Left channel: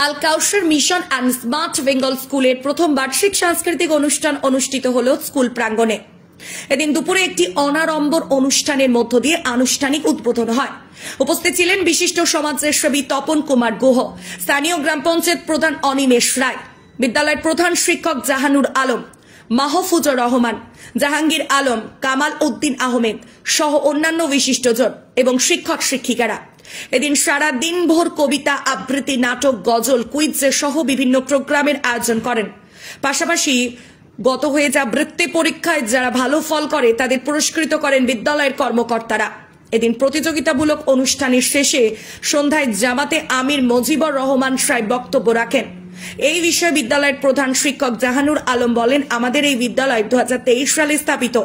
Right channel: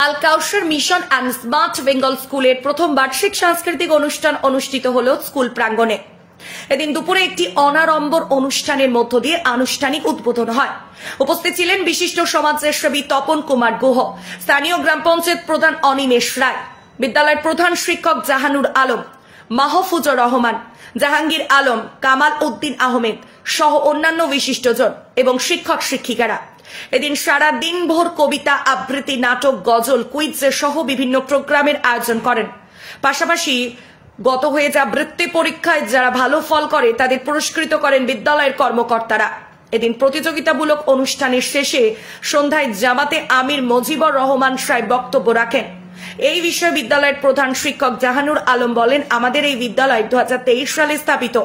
Al Kausar mission and smart Bengal স্কুলের প্রথম বার্ষিক সাংস্কৃতিক অনুষ্ঠান অনুষ্ঠিত হল স্কুল প্রাঙ্গণে। এদিন দুপুরে একটি অনাড়ম্বর অনুষ্ঠানের মধ্য দিয়ে আনুষ্ঠানিক উদ্বোধন হয়। উপস্থিত ছিলেন বিশিষ্ট সমাজসেবী তপন কুমার গুহ, স্থানীয় গ্রাম পঞ্চায়েত প্রধান অনিমেষ রায়, বিদ্যালয়ের প্রধান শিক্ষক জাহানুর আলম, মাহফুজুর রহমান, জাহাঙ্গীর আলম, কামাল উদ্দিন আহমেদ সহ অন্যান্য বিশিষ্টজন এবং শিক্ষক শিক্ষিকারা। এদিন সারা দিন ভোর কবিতা আবৃত্তি, নাটক, গজল, কুইজ সহ বিভিন্ন প্রোগ্রামের আয়োজন করেন। পাশাপাশি গত হয়ে যা বৃত্তি পরীক্ষায় যারা ভালো ফল করে তাদের পুরস্কৃত করেন বিদ্যালয়ের কর্মকর্তারা। এদিন প্রতিযোগিতামূলক অনুষ্ঠানের শেষে সন্ধ্যায় জামাতে আমির মজিবুর রহমান সাহেব বক্তব্য রাখেন। এই বিষয়ে বিদ্যালয়ের প্রধান শিক্ষক জাহানুর আলম বলেন, আমাদের এই বিদ্যালয় 2023 সালে স্থাপিত।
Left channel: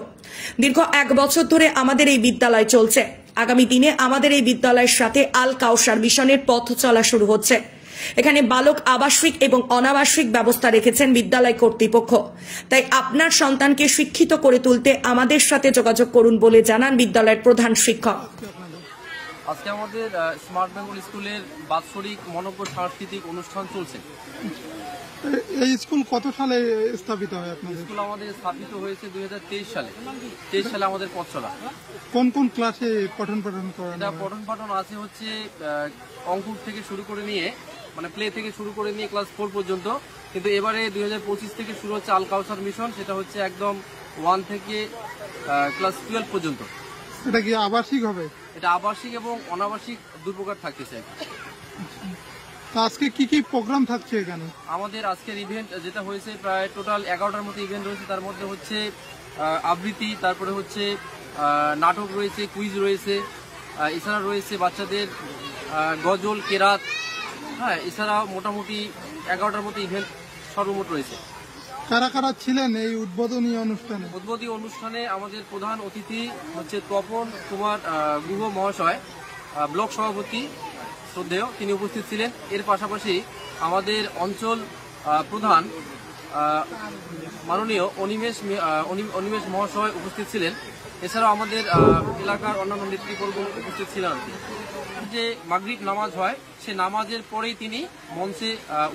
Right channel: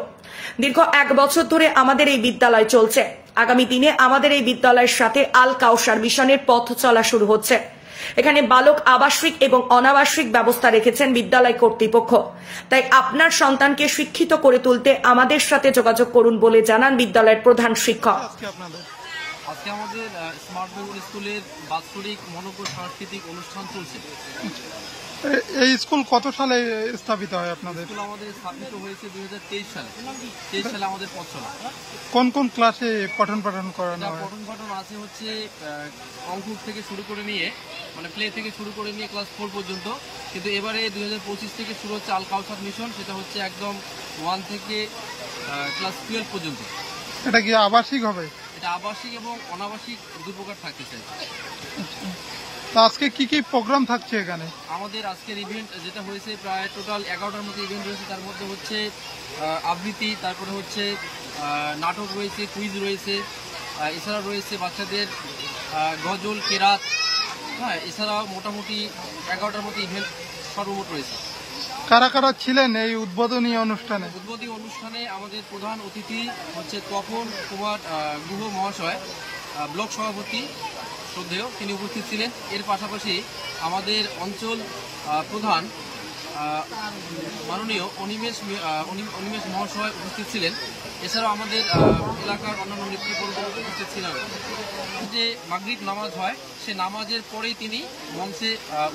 দীর্ঘ 1 বছর ধরে আমাদের এই বিদ্যালয় চলছে। আগামী দিনে আমাদের এই বিদ্যালয়ের সাথে আল কাউসার মিশনের পথ চলা শুরু হচ্ছে। এখানে বালক আবাসিক এবং অনাবাসিক ব্যবস্থা রেখেছেন বিদ্যালয় কর্তৃপক্ষ। তাই আপনার সন্তানকে শিক্ষিত করে তুলতে আমাদের সাথে যোগাযোগ করুন বলে জানান বিদ্যালয়ের প্রধান শিক্ষক। আজকে আমাদের স্মার্ট বেঙ্গল স্কুলের বাৎসরিক মনোজ্ঞ সাংস্কৃতিক অনুষ্ঠান চলছে। এই স্কুল কত সালে স্থাপিত হয় আপনাদের? স্কুল আমাদের স্থাপিত হয়েছে 2023 সালে। 23 সালে আমাদের পথ চলা। কোন কোন ক্লাসে পঠন পাঠন করানো হয়? পঠন পাঠন আছে হচ্ছে অঙ্কুর থেকে শুরু করে নিয়ে, মানে প্লে থেকে শুরু করে নিয়ে ক্লাস 4 পর্যন্ত। কিন্তু এবারে 2025 থেকে শুরু হচ্ছে আল কাউসার মিশন, সেটা হচ্ছে একদম 1 থেকে ক্লাস 12 পর্যন্ত। এটা কি আবাসিক হবে? এটা আবাসিক এবং অনাবাসিক দুই প্রকার থাকতে চাই। তা আজকে কি কি প্রোগ্রাম থাকছে এখানে? আমাদের আজকের ইভেন্ট যেটা হয়েছে প্রায় টোটাল 11টার মতো ইভেন্ট রয়েছে। তার মধ্যে হচ্ছে আবৃত্তি, তারপরে হচ্ছে নাটক রয়েছে, কুইজ রয়েছে, এছাড়া রয়েছে বাচ্চাদের গজল, কেরাত, হ্যাঁ, এছাড়াও মোটামুটি 11টার মতো ইভেন্ট সর্বমোট রয়েছে। কারা কারা ছিলেন এই উদ্বোধনী অনুষ্ঠানে? উদ্বোধনী অনুষ্ঠানে আমাদের প্রধান অতিথি হচ্ছে তপন কুমার গুহ মহাশয়, ব্লক সভাপতি শ্রদ্ধেয়, তিনি উপস্থিত ছিলেন। এর পাশাপাশি আমাদের অঞ্চল প্রধান মাননীয় অনিমেষ মহাশয় উপস্থিত ছিলেন। এছাড়াও আমাদের এলাকার অন্যান্য নেতৃবৃন্দ উপস্থিত ছিলেন। যে মাগরিব নামাজ হয়, সে নামাজের পরেই তিনি মঞ্চে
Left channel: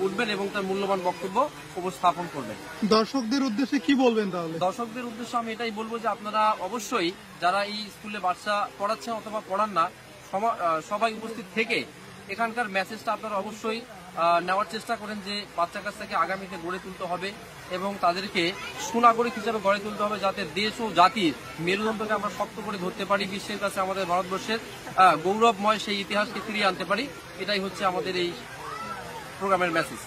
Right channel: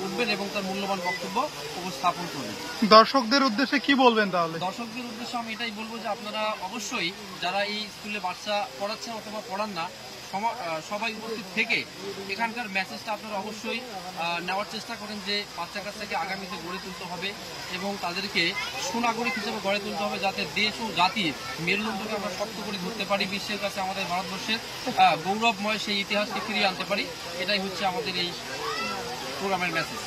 উঠবেন এবং তার মূল্যবান বক্তব্য উপস্থাপন করবেন। দর্শকদের উদ্দেশ্যে কি বলবেন তাহলে? দর্শকদের উদ্দেশ্যে আমি এটাই বলবো যে আপনারা অবশ্যই যারা এই স্কুলে বাচ্চা পড়াচ্ছেন অথবা পড়ান না, সবাই উপস্থিত থেকে এখানকার মেসেজটা আপনারা অবশ্যই নেওয়ার চেষ্টা করেন যে বাচ্চা কাচ্চাকে আগামীতে গড়ে তুলতে হবে এবং তাদেরকে সুনাগরিক হিসেবে গড়ে তুলতে হবে, যাতে দেশ ও জাতির মেরুদণ্ডকে আমরা শক্ত করে ধরতে পারি, বিশ্বের কাছে আমাদের ভারতবর্ষের গৌরবময় সেই ইতিহাসকে ফিরিয়ে আনতে পারি। এটাই হচ্ছে আমাদের এই প্রোগ্রামের মেসেজ।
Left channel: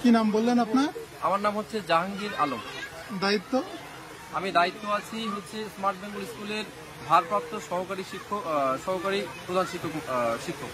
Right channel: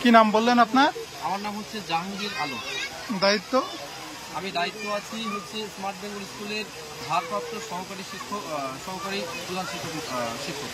কি নাম বললেন আপনার? আমার নাম হচ্ছে জাহাঙ্গীর আলম। দায়িত্ব? আমি দায়িত্ব আছি হচ্ছে স্মার্ট বেঙ্গল স্কুলের ভারপ্রাপ্ত সহকারী প্রধান শিক্ষক।